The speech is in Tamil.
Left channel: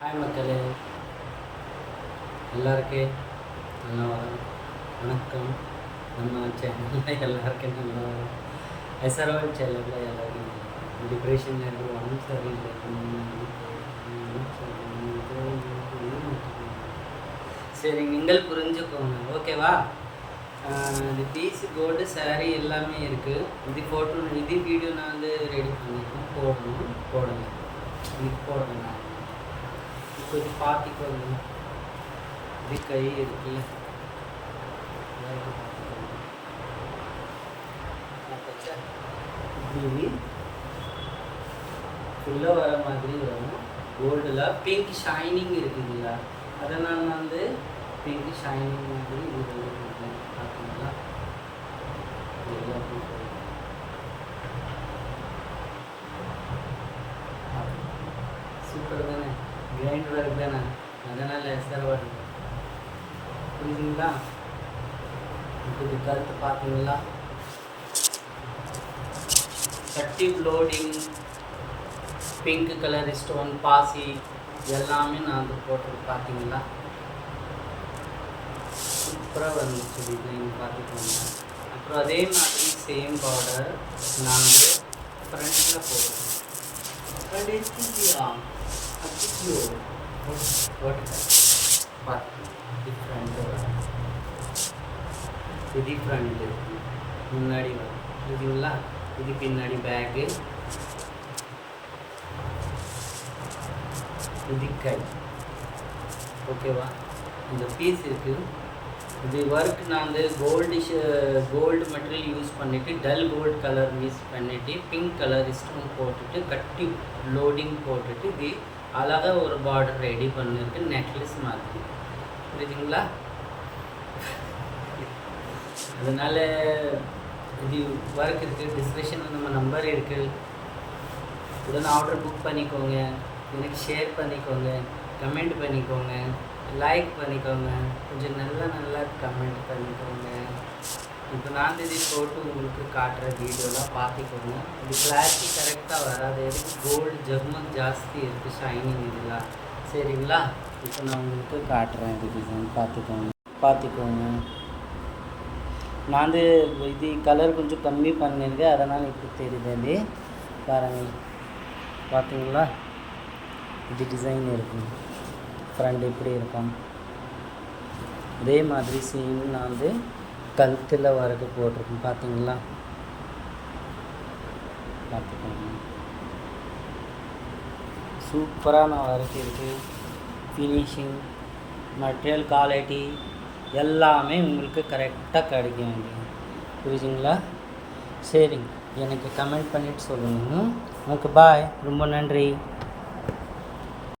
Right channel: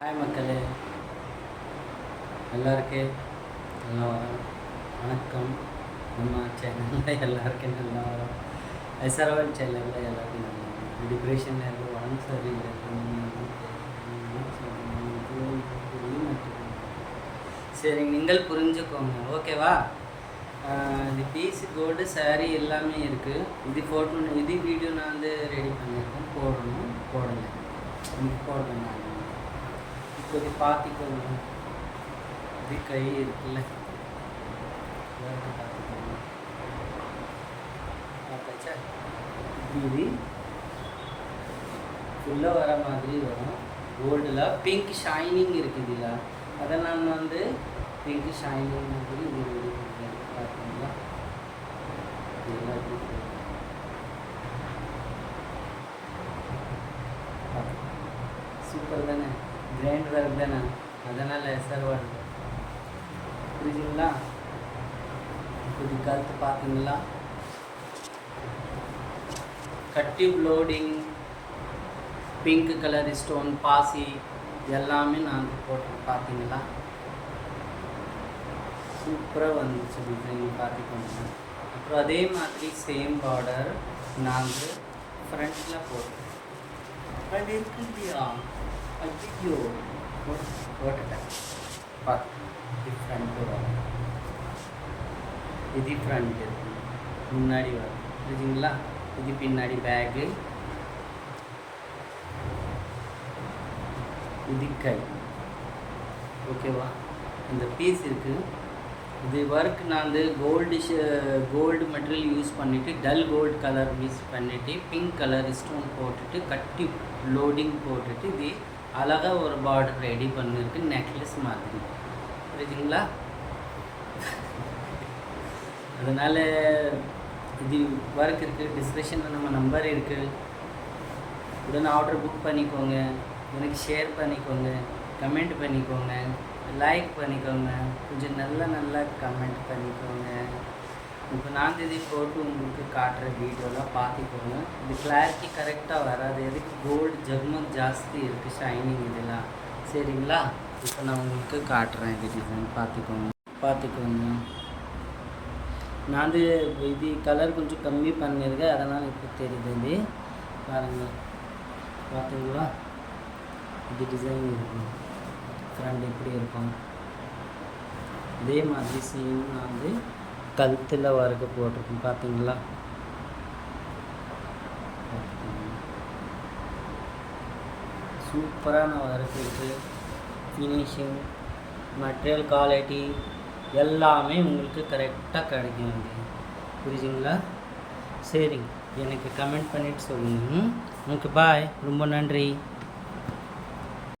ஹாய் மக்களே, எல்லாருக்கும் நல்லா வரோம். வணக்கம். நம்ம சேனலில் எல்லாருக்கும் நல்லா வரோம். எஸ்ஆர்எல் சேனலில் எல்லாருக்கும் நல்லா வரும். டிப்ரெஷன் இருக்குது, உடம்பு சரியில்லை. சரி, நீங்கள் புரிஞ்சுக்கோங்க, ஓகேவா? இது பீஸ் கோல்டு சாரீ எல்லாமே இருக்குது. இது ஃபோட்டோ, இது வீடியோ நான் வந்து ரெடி பண்ணியிருக்கேன், போடணும் இது போடுறேன் நான். இப்போ இது பார்த்துக்கோங்க, இது கை இருக்குல்ல, பார்த்துக்கோங்க. இது ஃபுல்லாக வர மாதிரி வரும். கோல்டில் பிங்க் ஷைனிங் இருக்குதுங்களா, அதை நான் வந்து பிங்க் ஷைனிங் மாதிரி இது பார்த்தீங்களா. சூப்பர் தானே, கிராண்ட் ஒர்க் தானே, அதனால் எஸ்ஆர் ஒர்க். புரியுதுங்களா? இப்போ இது கருத்து பார்த்தீங்களா, கட்டிவ் லோடிங், பிங்க் கலர் ஸ்டோன் பாசி எல்லாமே நான் வந்து போட்டு பார்த்தீங்களா. சூப்பராக வந்துச்சு டிசைன், பார்த்துக்கோங்க. அப்புறம் அதே மாதிரி சேம் பார்டர் நான் வந்து ஃப்ரண்ட்டில் போடுறேன். ஃப்ரண்ட் இருக்குதியா, ஐயோ போட்டுட்டேன். பார்த்து இது ஃப்ரண்ட்டு வரும், இது ஃப்ரண்ட் இருக்கு, முன்னாடி வரும். புரியுதுங்களா? இது பின்னாடி பேக்கு, இது கை. ஓகேவா? இந்த பீஸ் இருக்குது. இது ஒர்க் நான் வந்து கோல்டு மெட்டீரியல் யூஸ் பண்ணிவிட்டு, டல் கோல்டு கலர் யூஸ் பண்ணிவிட்டு, பிங்க் கலர் ஸ்டோன் போட்டுட்டு, கட்டி லோடிங் போட்டுட்டு, இது அழகாக ஒரு பார்டர் ரெடி பண்ணிட்டு நெக்லஸ் மாதிரி. புரியுதுங்களா? அதனால் இது ஒர்க் இருக்குது. டிஸ்கிரிப்ஷனில் நம்ம நம்பர் இருக்குது, உடனே ஆர்டர் புக் பண்ணிக்கோங்க. எனக்கு ஷேர் பண்ணிக்கோங்க, கமெண்ட் பண்ணிக்கோங்க, லைக் பண்ணிக்கோங்க, கொஞ்சம் நல்லா கமெண்ட் பண்ணிக்கோங்க. இப்போ நான் இது போட்டு உங்களுக்கு காட்டுற வீடியோலாம் பார்த்துக்கோங்க. இது கிளாரிட்டி கரெக்டாக வராது, எதுக்கு கோல்டு ஜர்மன் ஜாஸ்தி இருக்குது, ஷைனிங் இதெல்லாம். சரிங்களா? இப்போ நான் உங்களுக்கு காட்டுறேன் இது டிசைன், பார்த்துக்கோங்க. நான் வந்து இது கலர் கொஞ்சம் கம்மி பண்ணியிருக்கேன், அதனால் இப்போ தெரியுது. இது பாருங்கள், பார்த்தீங்களா? இது டிசைன் இருக்கும், ஃப்ரண்ட் இப்படி இருக்கும். இதே மாதிரி சீன் நான் வந்து கழுத்தில் வரைக்கும் போட்டிருக்கேன், பார்த்தீங்களா? பார்த்துக்கோங்க. சூப்பரான ஒர்க் இருக்குது. ஃபினிஷிங், மெட்டீரியல் குவாலிட்டி எல்லாமே உங்களுக்கு கரெக்டாக கிடைக்கும். அது புரியுதுங்களா? சரிங்க, எனக்கு கமெண்ட் பண்ணிவிட்டு சொல்லுங்கள். ஓகே, பாய். ரொம்ப நன்றி.